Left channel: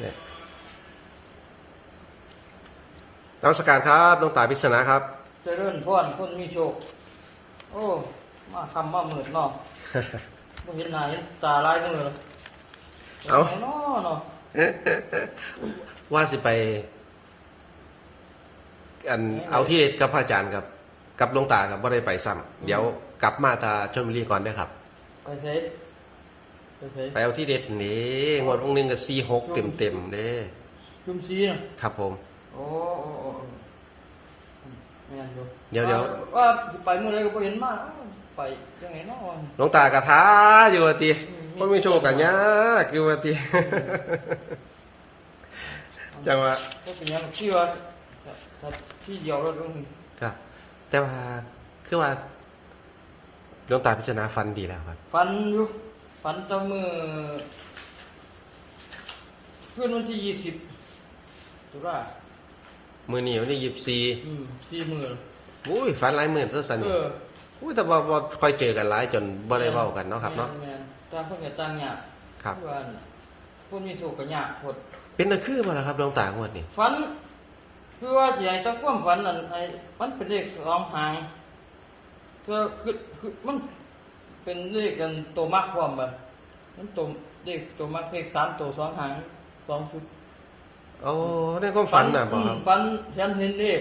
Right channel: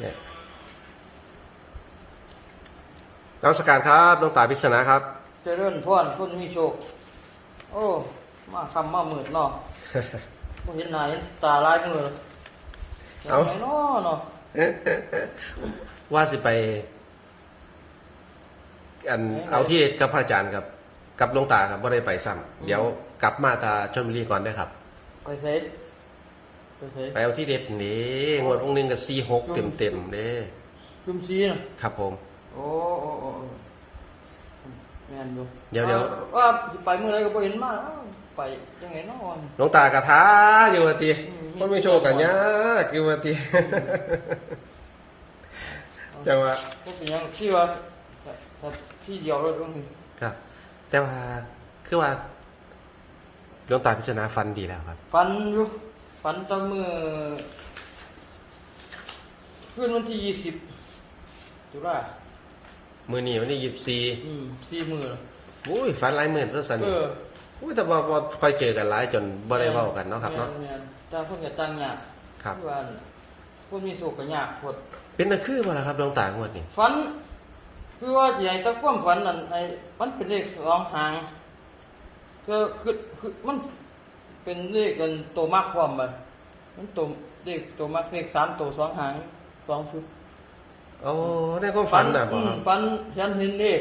เนี่ยนมัสการครับหลวงตาพิศนาครับ เจริญพรคนมีโชค โอ้ มาคำมาหมืดเนาะบ่เห็นหน้าเห็นตาลายมือเอ้า ห็นไหมเนาะเนาะว่าสิไป อันเอาที่กับพระอาจารย์ครับ กับหลวงตาครับว่าได้ไปซ้ำเดี๋ยวกลับมาตาชลบุรีก่อนนะครับ ไปเสยไปเสย ไปเอาที่เด็ดนี่งวดพวกนึงก็สี่หกเต็มเต็มๆเด้จุ่มซีน่ะครับผมโอ้โอ้โอ้โอ้แม่นบ่เดี๋ยวเดี๋ยว ว่าสิไปเมื่อไรก็บ่เห็นมาเอ้าไปยังไงเนาะหลวงตากระท้าอยู่ว่าติอืมคนมีโชคกันยากอยู่ว่าติจังหวะก็เป็นหยังที่ว่าแต่ที่เดียวเราต้องครับ แต่ว่าคือว่าหลวงตาพิจารณาฟันดีแล้วครับฝันอยู่ ฝันแตะมือคืนวันที่ยี่สิบตุลามือนี้วันนี้ยี่สี่อืมสี่มืออุ้ยฟันหลายหมื่นตัวสันเอนี่ออุ้ยแต่ว่าบ่ค่อยเจอกันหลายจนบ่ได้เว้ากันเนาะครับเนาะ แม่นๆต่างคนก็ต่างยากครับ ว่าผู้มีสุขก็ยากพด เป็นตะคือบ่ล่ะครับหลวงตางวดนี้ฝันคือว่าสิให้ตะความฝันนั่นไอ้มันเป็นเลขสองหางก็คือคือมัน เป็นเลขกันตัวมากความบ่มันตัวเลขตัวมากเลขสามตัวสองหางสองชุดโอ้ในความฝันน่ะบ่อืคมรับฝันฉันเห็นเลข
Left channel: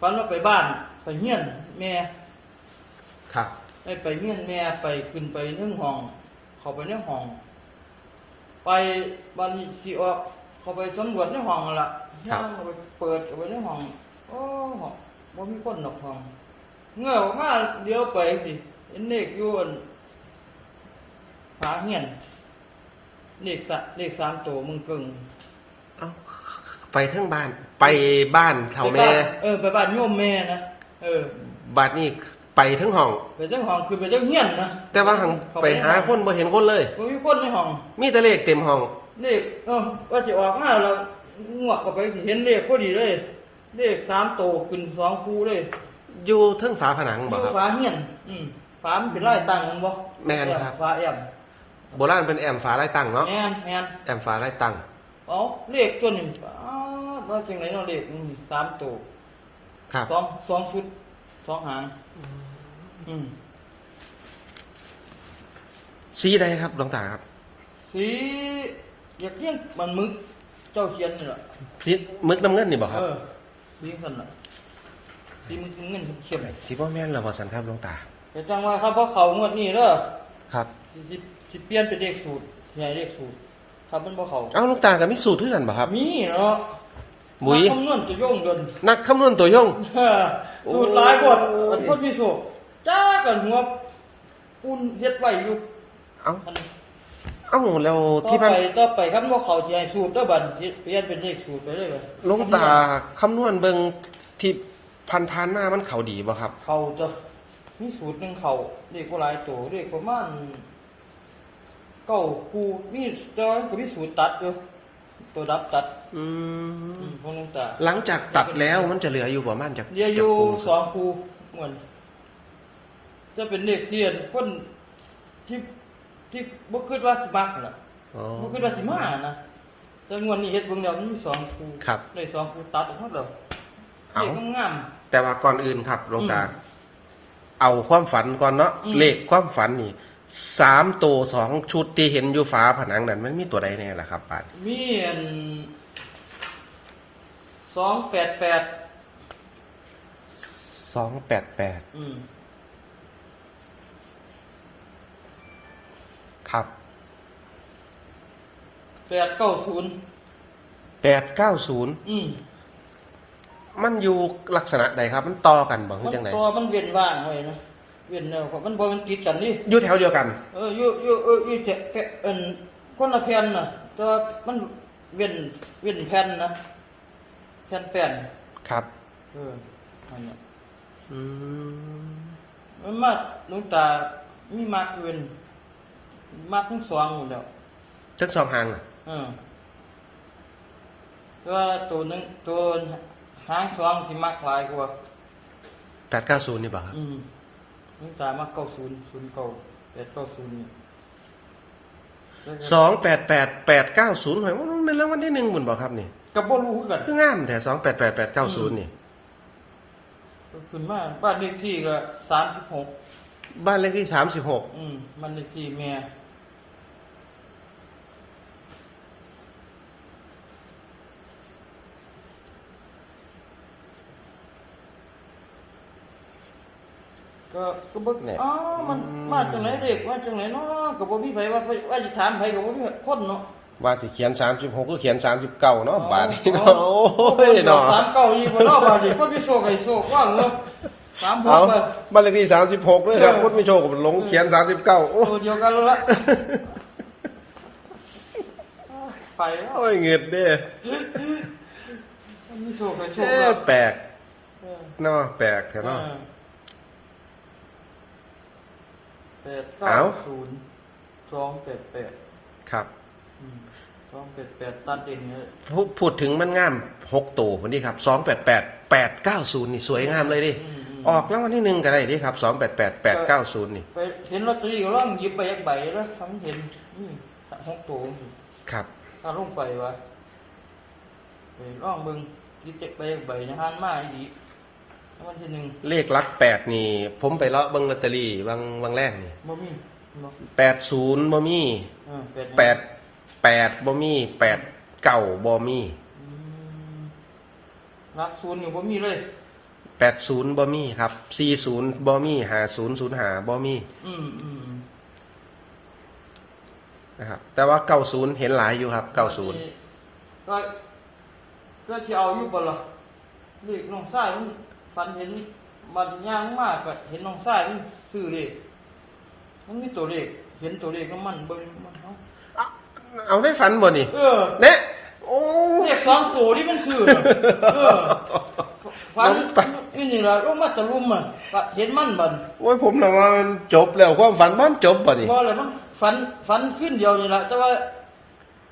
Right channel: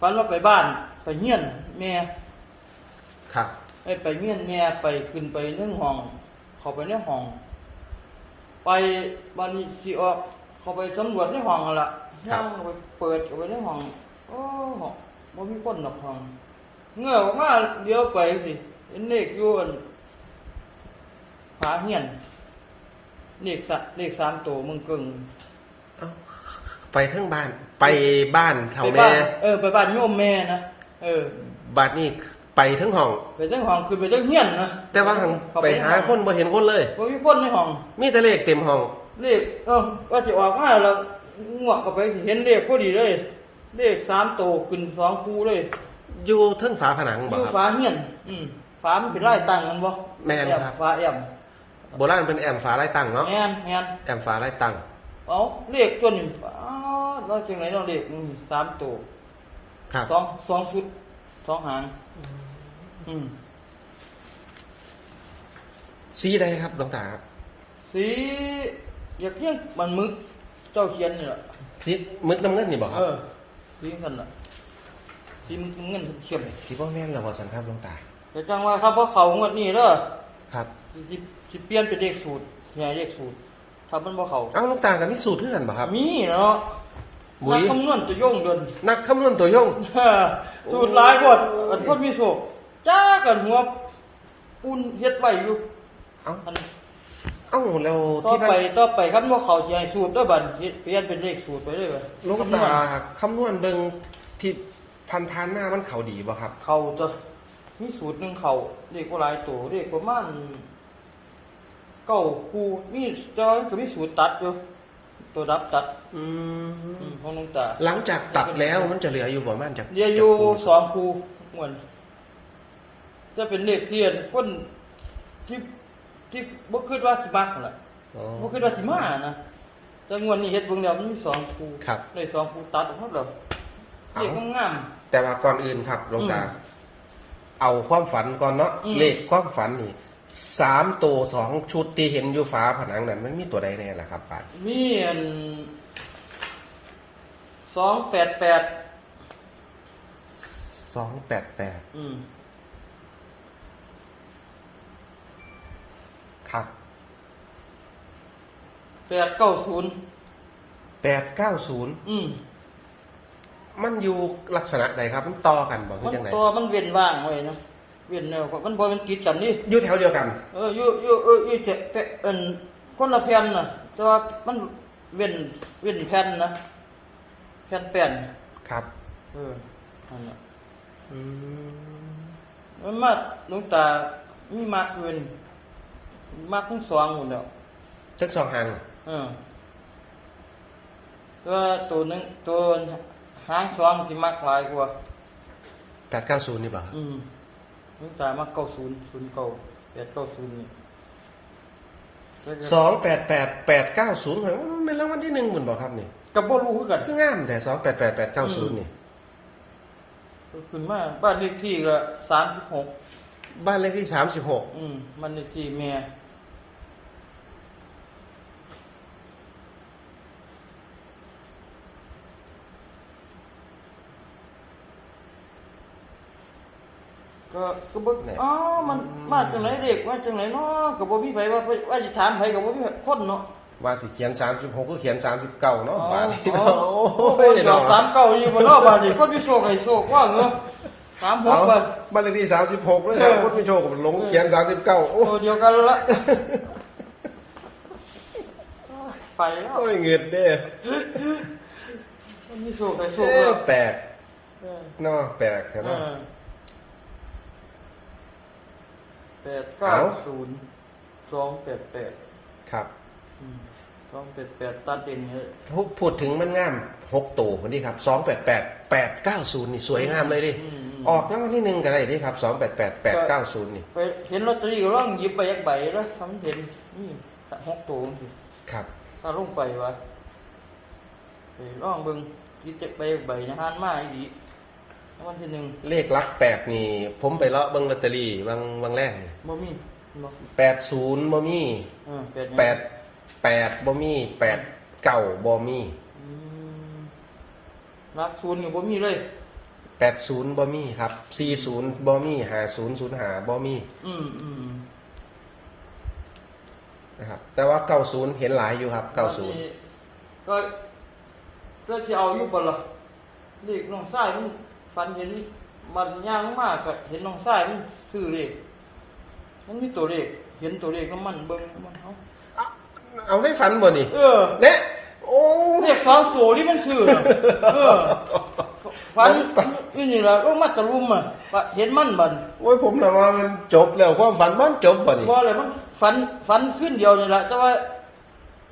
ฝันว่าไปบ้านไปเฮียนแม่ครับไอ้ไปเฮียนแม่ไปขึ้นไปในห้อง เข้าไปในห้อง ไปบ้านนี้สิออก เข้าไปสำรวจในห้องนั่นล่ะย่างเข้าไปเปิดเข้าไปในห้องโอ้ห้องบ่มีคนหรอกห้องเงือกออกมาเดี๋ยวไปสิ เห็นเลขอยู่อั่นฝาเฮียนเลขสะเลขสามตัวมึงกึ่งเอ้าไปเทั้งบ้าน ไปบ้านเขาไปแม่บ้านเออไปบ้านโยมแม่นะเออ บัดนี้ไปทั้งห้อง ไปทั้งห้องคือไปทั้งเฮียนนะแต่ว่าหังเข้ไปหาคนบ่เห็นคนเลย บ่มีคนในห้อง มีแต่เลขเต็มห้อง เลขเออว่าจะออกมาแล้วงวกก็ไปเห็นเลขพอดีเลย เลขสามโตวขึ้นสองคูเลยอยู่เทั้งฝาผนังอบ่ยู่ครับฝาเฮียน อืม ฝามันเป็นไร่ตั้งมันบ่แม่นครับแอฝาแอมโบราณเป็นแอมฝาไร้ตั้งเนาะแม่นแม่นแอมฝาไร้ตั้งเอาเลขตัวนี้อ้าวว่าจังไหนเนาะเลขอืมสามโตวครับสองสองชุดสองหาง อืมสีใดครับหลวงตาครับสีอยากเที่ยงมันมึกเจ้าเขียนนี่แหละสีมึกน้ำเงินนี่บ่คเอรับอสีกันล่ะสีเงินเข้มสีบ่แม่นแล้วบ่สันครับหลวงตา แต่จังว่าครับเพราะเขางวดนี้เด้อครับสิสิสิเปลี่ยนเป็นเลขสูตรใหญ่เลขสูตรถ้ามันบ่เขาเอ้าหลวงตาก็มีสูตรเพื่อนบ่ครับ มีเนาะบุ๋ยนักคำนวณจะโย่งเดินนักคำนวณตัวยงสูตรหลายพดอันพดมีโศกจ้ากันหัวปูนเฮ็ดไว้อยู่เอ้าอันเอ้าแล้วต่อที่ไปมันต่อไปคันว่าเขาสิให้สูตรเด้อบัดนี้เปลี่ยนเป็นเลขสูตรไปเลยว่ะหลวงตาคำนวณเบิ่งที่พันพันๆหน้ามันเขาดีบ่ครับ เขาตัว มีสูตรหนึงเขาเลขบ่หลายตัวเลขประมาณเก้าคู่มีจอยก็มีสูตรตัดอยู่ตัวรับตัดอือืมมของหลวงตาหลังจากตัดแล้วมันจะเหลืออยู่ประมาณจากเรียอยู่จากปูสองครูเหมือนจะเป็นเลขเทียนคนที่ที่บ่คิดว่าสิมักนั่นล่ะอ๋อบ่คิดว่าสิมานะแต่งวดนี้เฮ็ดเบิ่งแล้วมันมีสองครูครับได้สองครูตัดออกมาแล้วเอ้าเลขงามแต่ว่าก่อนอื่นครับหลวงตาอืม เอาความฝันก่อนเนาะอืม เลขความฝันนี่สามตัวสองชุดที่เห็นอยู่ฝาผนังนั้นมันมีตัวใดแน่ล่ะครับป้ามีอัน288สองแปดแปดอืมครับ890แปดเก้าศูนย์อืม มันอยู่ลักษณะใดครับ มันต่อกันบ่มัคือนจังไดตัวมันเว้นว่างไว้นะเว้นแนวมันบ่มันติดกันนี่อยู่แถวเดียวกัน เอออยู่อยู่เอออยู่จะแผ่นเอิ่นคนละแผ่นน่ะแต่ว่ามันเว้นเว้นแผ่นนะแผ่นแป้นครับ เออนั่นน่ะอืมมันมาหลวงตามีมากอื่นมากทั้งสองหมดแล้วทั้งสองหางเออว่าตัวหนึงตัว หางสองสิมักหลายกว่าแปดเก้าศูนย์นี่บอกครับอืมหลวงตามักเก้าศูนย์ศูนย์เก้าแปดเก้าศูนย์นี่สองแปดแปดแปดเก้าศูนย์มันเป็นรางวัลที่หนึ่งหมุนบอกครับนี่ก็บ่รู้คือกันคืองามแต่สองแปดแปดแปดเก้าศูนย์นี่ขึ้นมาบ้านเลขที่ก็สามสิบหกบ้านเลขที่สามสิบหกอืมมันเลขที่แม่ ก็ก็บ่อ๋อมันมาจากไหนเด็กมาจากไหนเนาะก็บ่มีไผว่าไปว่าสิถามไผก็บ่มีคนเนาะว่าสิเขียนสามสิบหกก็เขียนสามสิบเก้าเนาะบาทนี้อ๋เนาะอโอ้ยดอเนาะกสามเก้านี่บ่เนาะบาดนี้คนมีโชคให้โชคว่าเงาสามหกเอาไปบ้านเลขที่สามสิบหกเลยครับพุทธมิโชคกับหลงเขียนสามสิบเก้าโอ้ตัวเดียวกันละไปแล้วโอ้ยเงียบเด้คนมีโชคให้โชคเอ๊ะแล้วแปลกเออเนาะแปลกใช่ไหม แปดเก้าเอาศูนย์สองแปดแปดครับอืมสองแปดแปดตัดเองเนี่ยพูดพูดถึงมันงามหกตัวคนนี้ครับสองแปดแปดแปดเก้าศูนย์นี่สวยงามเลยดิอืมอืมออกรางวัลที่หนึ่งกันได้ดิครับสองแปดแปดแปดเก้าศูนย์นี่ไปเห็นลอตเตอรี่ก็ล่องหยิบไปยักใบแล้วทำเห็นนี่หกตัวนี่ครับถ้าลงไปวะไปล่องเบิ่งหยิบจากไปยักใบนะฮานมาอีกแล้ ววันที่หนึ่งเลขหลักแปดนี่ ผมไปเลาะเบิ้งลอตเตอรี่บางบางแรกนี่บ่มีบ่แปดศูนย์บ่มีเออแปดแปดแปดบ่มีแปดเก้าบ่มีอืมรักศูนย์นี่บ่มีเลย แปดศูนย์บ่มีครับสี่ศูนย์บ่มีหาศูนย์ศูนย์หาบ่มีอืมอืมนะครับแต่ว่าเก้าศูนย์เห็นหลายอยู่ครับเก้าศูนย์ก็ก็สิเอาอยู่บ่ล่ะเลขน้องชายมัน ฝันเห็นมันย่างมากก็เห็นน้องชายมันซื้อเลขมันมีตัวเลขเห็นตัวเลขน้ำมันเบิ่งมันเฮาเอาได้ฝันบ่นี่เออเนี่ยโอ้เลขสองตัวที่มันซื้อน่ะเออฝันนี่นี่ล่ะลงมาตะลุมอะว่าเห็นมันบัดโอ้ยผมนะว่ามันจบแล้วความฝันมันจบบ่นี่บ่เลยมันฝันฝันขึ้นเดียวนี่ล่ะแต่ว่า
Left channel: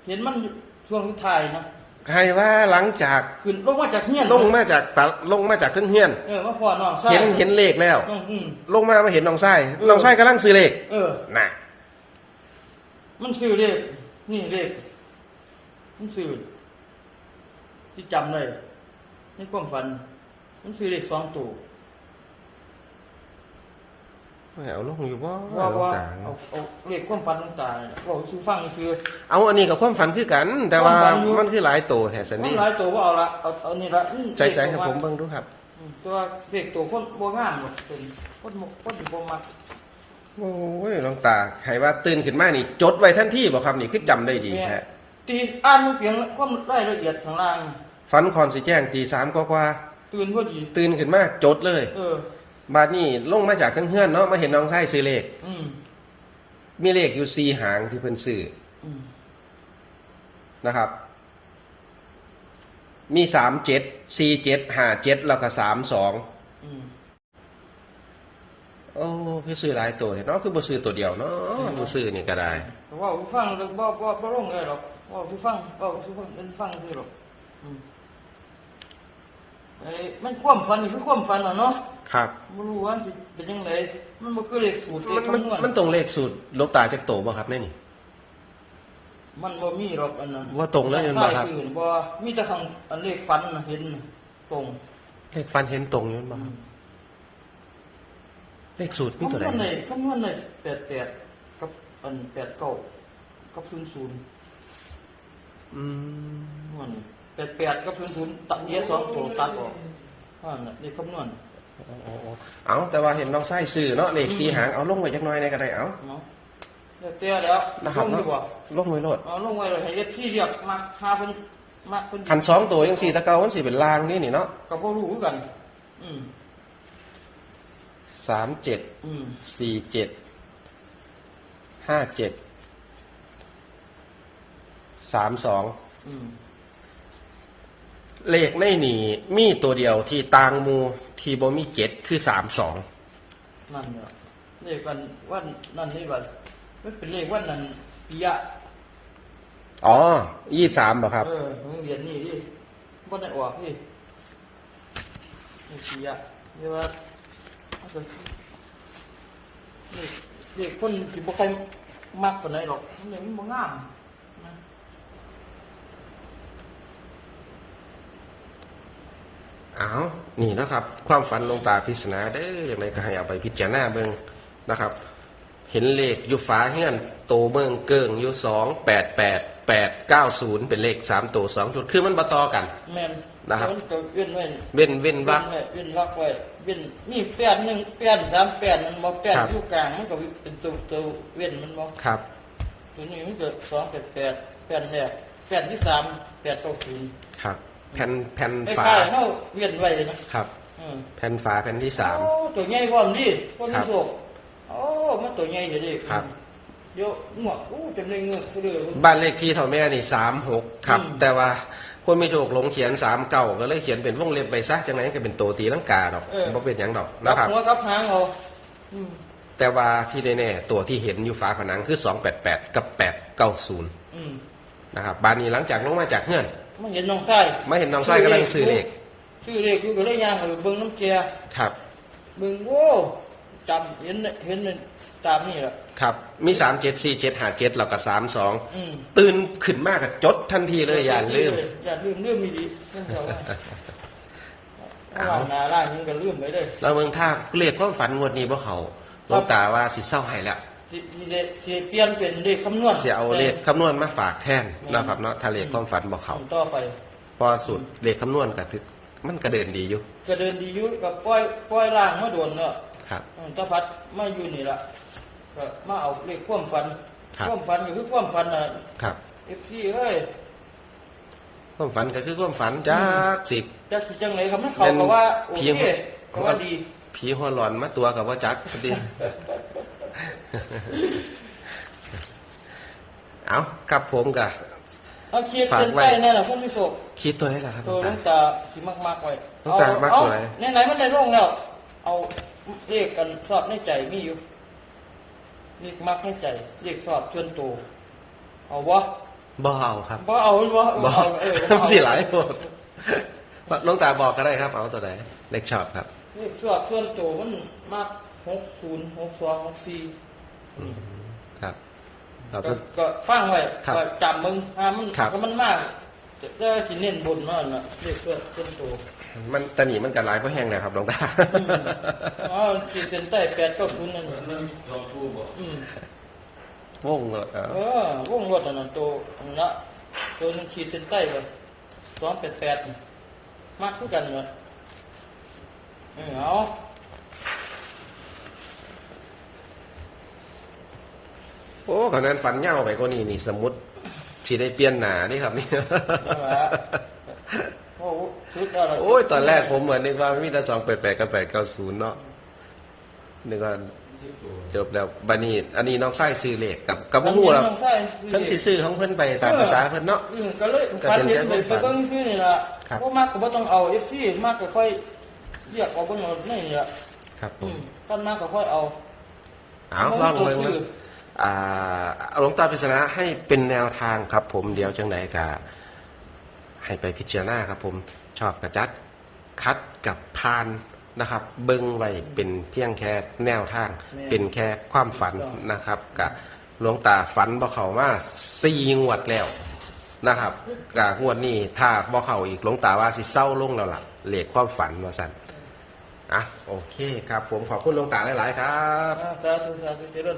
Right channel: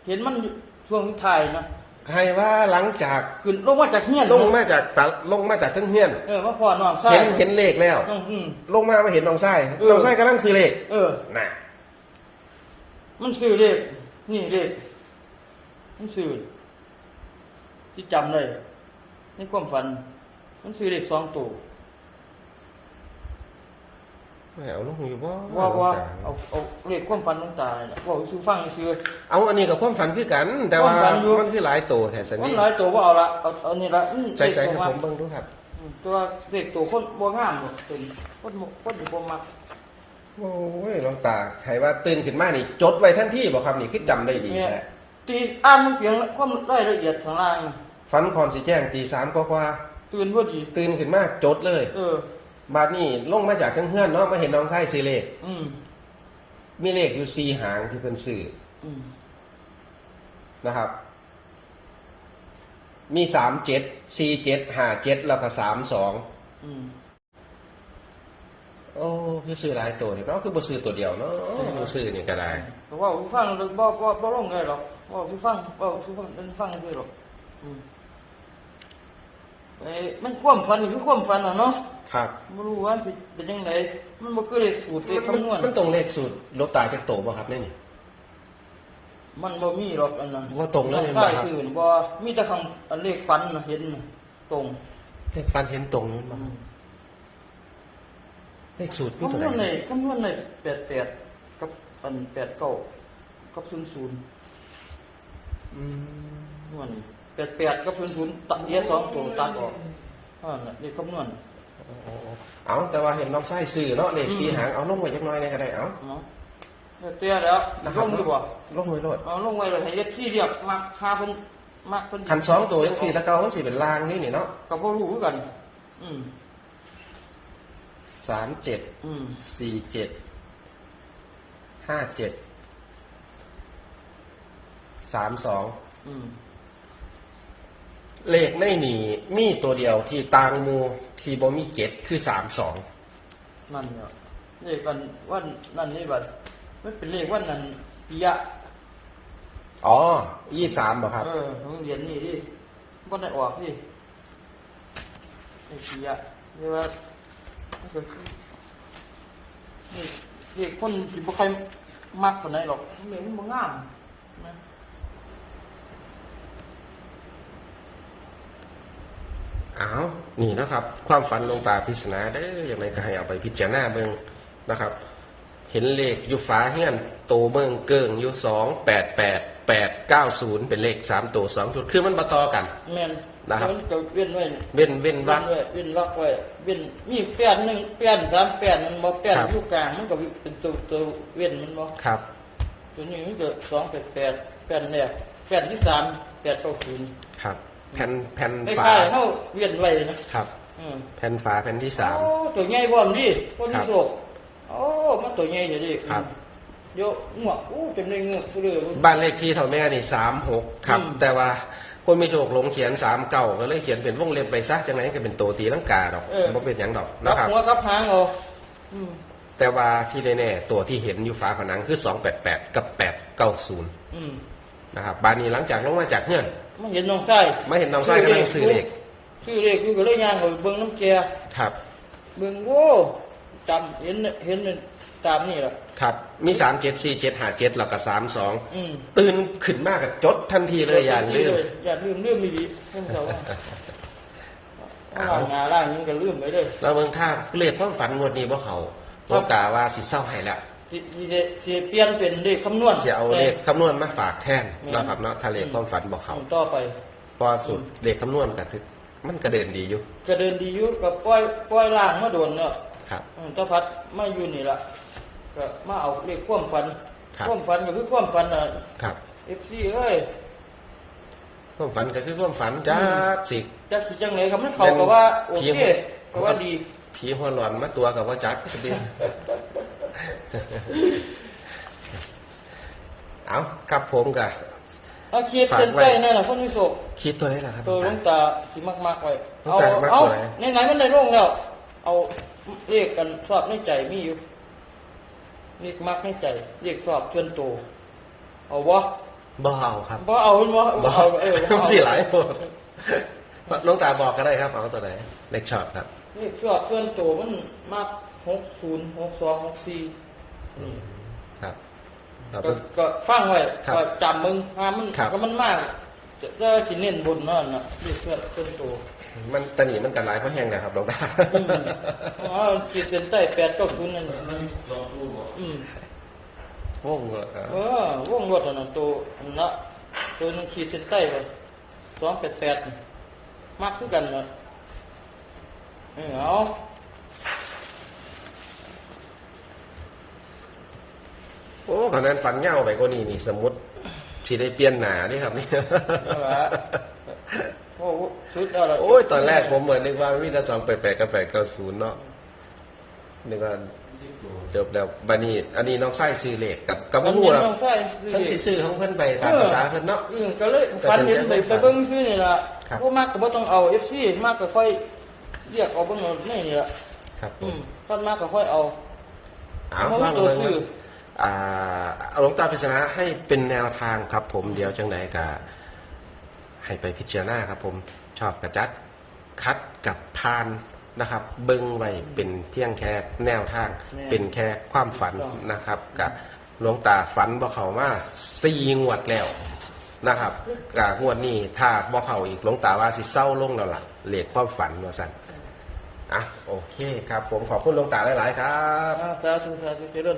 เห็นมันช่วงสุดท้ายนะ ใครว่าหลังจากขึ้นลงมาจากเฮียนลงมาจากตัดลงมาจากทั้งเฮียน เออมาพ่อน้องซอยเห็นเห็นเลขแล้ว อืมอืม ลงมามาเห็นน้องไส้เออ น้องไส้กำลังซื้อเลขเออ น่ะมันซื้อเลขนี่เลขมันซื้อที่จำเลยนี่ความฝัน มันซื้อเลขสองตัว เอาลงอยู่บ่ว่าว่าเอาเอาเลขความฝันต่างๆเนี่ยว่าซื้อฟังซื้อเอาอันนี้กับความฝันคือกัน แต่ว่าความฝันอยู่มันคือหลายตัวแห่สันมันนี่หลายตัวว่าเอาละเอาเอานี่ละอืมใจใส่ให้เลขผตัวมเบิ่งดูครับอืมตัวเลขตัวคนบัวงามเนี่ยเป็นคนหมกคนอยู่บ่มาโอ้ยน้องตาใครว่าตื่นขึ้นมานี่ จดไว้ทันทีบ่ครับนี่คือจำได้ดีเนี่ยแท้ตีอ่านมันเพียงความรายละเอียดข้างล่างฝันคอนสิแจ้งตีสามกว่าตื่นพอดีๆตื่นขึ้นมาจดเลย เออ บาดนี้ลงมาจากทั้งเฮือนเนาะมาเห็นน้องไส้ซื้อเลข อืมมีเลขอยู่สี่หางที่เพิ่นซื้ออืมนะครับ มีสามเจ็ดสี่เจ็ดห้าเจ็ดแล้วก็สามสองอืมโอ้คือซื้อหลายตัวเนาะคือบ่ซื้อตัวเดียวเนาะบ่ซื้อนี่ก็ได้แต่ว่าผู้ฟังเลยบ่บ่บ่ลงเลยหรอกว่าผู้ฟังบ่ผู้ฟังเป็นฟังคือหรอกอืมไอ้มันความฝันนี่คือความฝันอะเนาะ ครับ บ่รู้ว่าสิเป็นยังไงมันบ่คือเลขสูตรเลมันขมันคำนวณมันตรงเลขสูตรโลกตาจากโตบ่ครับแน่นี่ มันบ่มีหรอกอันนั้นว่าตรงแล้วเห็นบ่ใช่ครับคือบ่มีแต่ข้างอันเลขฝันน่ะเห็นน่ะตรงเลขฟันเห็นตรงอยู่บ่ครับเลขสูตรมีตัวคำนวณไหนเลยคำนวณเลย88กับอัน89กับ00 อืมมัน88กับ00ตัดเหลือสองตัวตัดออกอ่าน่ะเลขคำนวณโอ้โอ้โอ้ เอาแต่ว่าเห็นน้องไส้ซื้อเนาะเลขสีหางเอาลงไว้จักหน่อยได้ก็ได้เอาเนาะเดี๋ยวเตี้ยแล้วนะคลรับงดีกว่าลงไว้โลดเอาลงไว้เลยให้เอฟซีเรียกมาหาเพิ่นมาเพิ่นคันสองตัวจังสี่ตะเกามันสิเป็นลางนี่นี่เนาะก็บ่รู้คือกันอืมสามเจ็ดอืมสี่เจ็ดห้าเจ็ดสามสองอืม เลขในนี่มีตัวเดียวที่ตางหมูที่บ่มีเจ็ดคือสามสองนั่นน่ะเลขวันวันนั่นนี่บัดมันเป็นเลขวันนั้นปิยะอ๋อยี่สามบ่ครับ เออโรงเรียนนี่ดิบ่ได้ออกนี่เลขปิยะเรียกว่าเอาไปนี่เลขคนที่บ่ค่อยมักปานไหนหรอกมันเลยมันบ่งามนะ เอานี่นะครับ ความฝันหลวงตาพิศนาเด้ออย่างไรก็ให้เอาไปพิจารณาเบิ่งนะครับ เห็นเลขอยู่ฝาเฮือนโตเบิ่งเกิงอยู่สองแปดแปดแปดเก้าศูนย์เป็นเลขสามตัวสองชุดคือมันบ่ต่อกัน แม่นนะครับมันจะเว้นไว้เว้นเว้นวัว่ากไว้เว้นวักไว้เว้นมีแป้นหนึงแป้นสามแป้นมันบ่แป้นครับ อยู่กลางมันก็เป็นตัวตัวเว้นมันบ่ครับ ตัวนี้มันเกิดสองแปดแปดแป้นแรกแป้นที่สามแปดเก้าศูนย์ครับ แผ่นแผ่นไอ้ฝา ข้าเขาเวียนไว้นะครับ อืมแผ่นฝาแผ่นที่สาม โอ้ตัวใหญ่บ่มดิคนครันี้บโศกโอ้มันตัวใหญ่เลยดิครับ เดี๋ยวหมวกโอ้ตัวนี้เงือกตัวเดือบ้านเลขที่เท่าแม่นี่สามหกครับ อืม แต่ว่าคนมีโชคหลงเขียนสามเก่าก็เลยเขียนเป็นวงเล็บไปซะจังไหนก็เป็นตัวตีลังกาดอกบ่เป็นหยังดอกรันะบครับ หัวกับหางเอาอืมแต่ว่าที่แน่ๆตัวที่เห็นอยู่ฝาผนังคือ 288 กับ 890 อืมนะครับบ้านนี้หลังจากลงมาจากเฮือน มันเห็นน้องไส้มาเห็นน้องไส้กำลังซื้อเลขซื้อเลขอยู่ก็เลยย่างเอาไปเบิ่งน้ำแกครับเบิ่งโอ้จำเห็นเห็นตามนี่แหละครับ มี374757แล้วก็32อืมตื่นขึ้นมากกับจดทันทีเลยอย่างลืมอย่าลืมเรื่องไม่ดีเพิ่นเขาว่าหน้าร้านนี้ก็ลืมไปเลยแล้วเมืองท่าเรียกความฝันงวดนี้บ่เขาหลวงตาว่าสิเศร้าให้ละ สิสิได้สิเปลี่ยนเป็นเลขคำนวณสิเอาเลขคำนวณมาฝากแทนนะครับเนาะถ้าเลขความฝันบ่เขาต่อไปพอสูตรเลขคำนวณก็คือมันกระเด็นดีอยู่จะเดินดีอยู่กับปล่อยปล่อยล่างมาโดนเนาะครับอืมถ้าพัดมาอยู่นี่ล่ะก็มาเอาเลขความฝันครับความฝันก็คือความฝันน่ะครับ FC เอ้ยความฝันก็คือความฝันจ้าสิจักสิจังไดครับมันเข้ากับว่าโอเพีเคยงก็ว่าดีผีหัวหลอนมาตัวกับว่าจักพอดี เอากับผมกับเอาขีดฝากเส้นไว้ใต้นั่นน่ะคนมีโศกคิดตัวนี้แหละครับเออหลวงตาสิมากๆไว้หลวงตามากเอาไว้ไหนๆมันได้ลงแล้วเอาเลขกันชอบในใจมีอยู่เลขมักในใจเลขชอบส่วนตัวเอาบ่บ่เอาครับบ่เอาบ่บ่เอาเออบ่เอาสิหลายคนหลวงตาบอกก็ได้ครับ เอาตัวไหนเลขชอบครับเลขชอบส่วนตัวมันมัก หกศูนย์หกสองหกสี่ครับครับ ก็ก็ฟังไว้ครับก็จำมึงอ่ามันครับ ก็มันมากแล้วสิเน้นบนนั่นน่ะเลขส่วนส่วนตัวมันตะหนีมันกันหลายเพราะแห้งเลยครับหลวงตาอ๋อขีดเส้นใต้แปดเก้าศูนย์นั่นน่ะอืมงงเลยอะเออวงรถอันนั้นตัวนั่นละตัวนึงขีดเส้นใต้ไปสองแปดแปดมากคือกันเลยเออเอา โอ้ขนาดฝันเง่าไปกว่านี้นี่สมมติสิได้เปลี่ยนหนานี่ครับนี่เอาละโอ้โหสุดแล้วล่ะโอ้ยตอนแรกผมเหมือนนึกว่ามีแต่สองแปดแปดกับแปดเก้าศูนย์เนาะนึกว่าจบแล้วบันนี้ อันนี้น้องไส้ซื้อเลขกับกับบ่ฮู้หรอกมันใส่เพิ่นสิซื้อของเพิ่นไปตามภาษาเพิ่นเนาะอืมก็เลยฟันเห็นไปไปเบิ่งที่นี่ล่ะครับบ่มากก็บ่ต้องเอาเอฟซีมากก็ค่อยเรียกเอาเบิ่งเอานี่นี่ล่ะครับผอืมมต้นมากก็ค่อยเอาเอาลองเลยซื้ออ่า หลวงตาพิจารณาให้เป็นแนวทางครับผมเดี๋ยวจังไหนกะให้ไปพิจารณาครับผมชอบกระจัดคัดกับพานนะครับ เบิ้งไว้เป็นเพียงแค่แนวทาง เป็นแค่ความฝันนะครับกับหลวงตาฝันบ่เขามาสี่งวดแล้วนะครับกับงวดนี้ถ้าบ่เขาอีกหลวงตาว่าสิเศร้าลงแล้วล่ะเลขความฝันว่าสั่นอะโอเคครับ ผมขอบคุณหลวงตาหลาย ๆ ครับอ่าสาธุสาธุเจริญ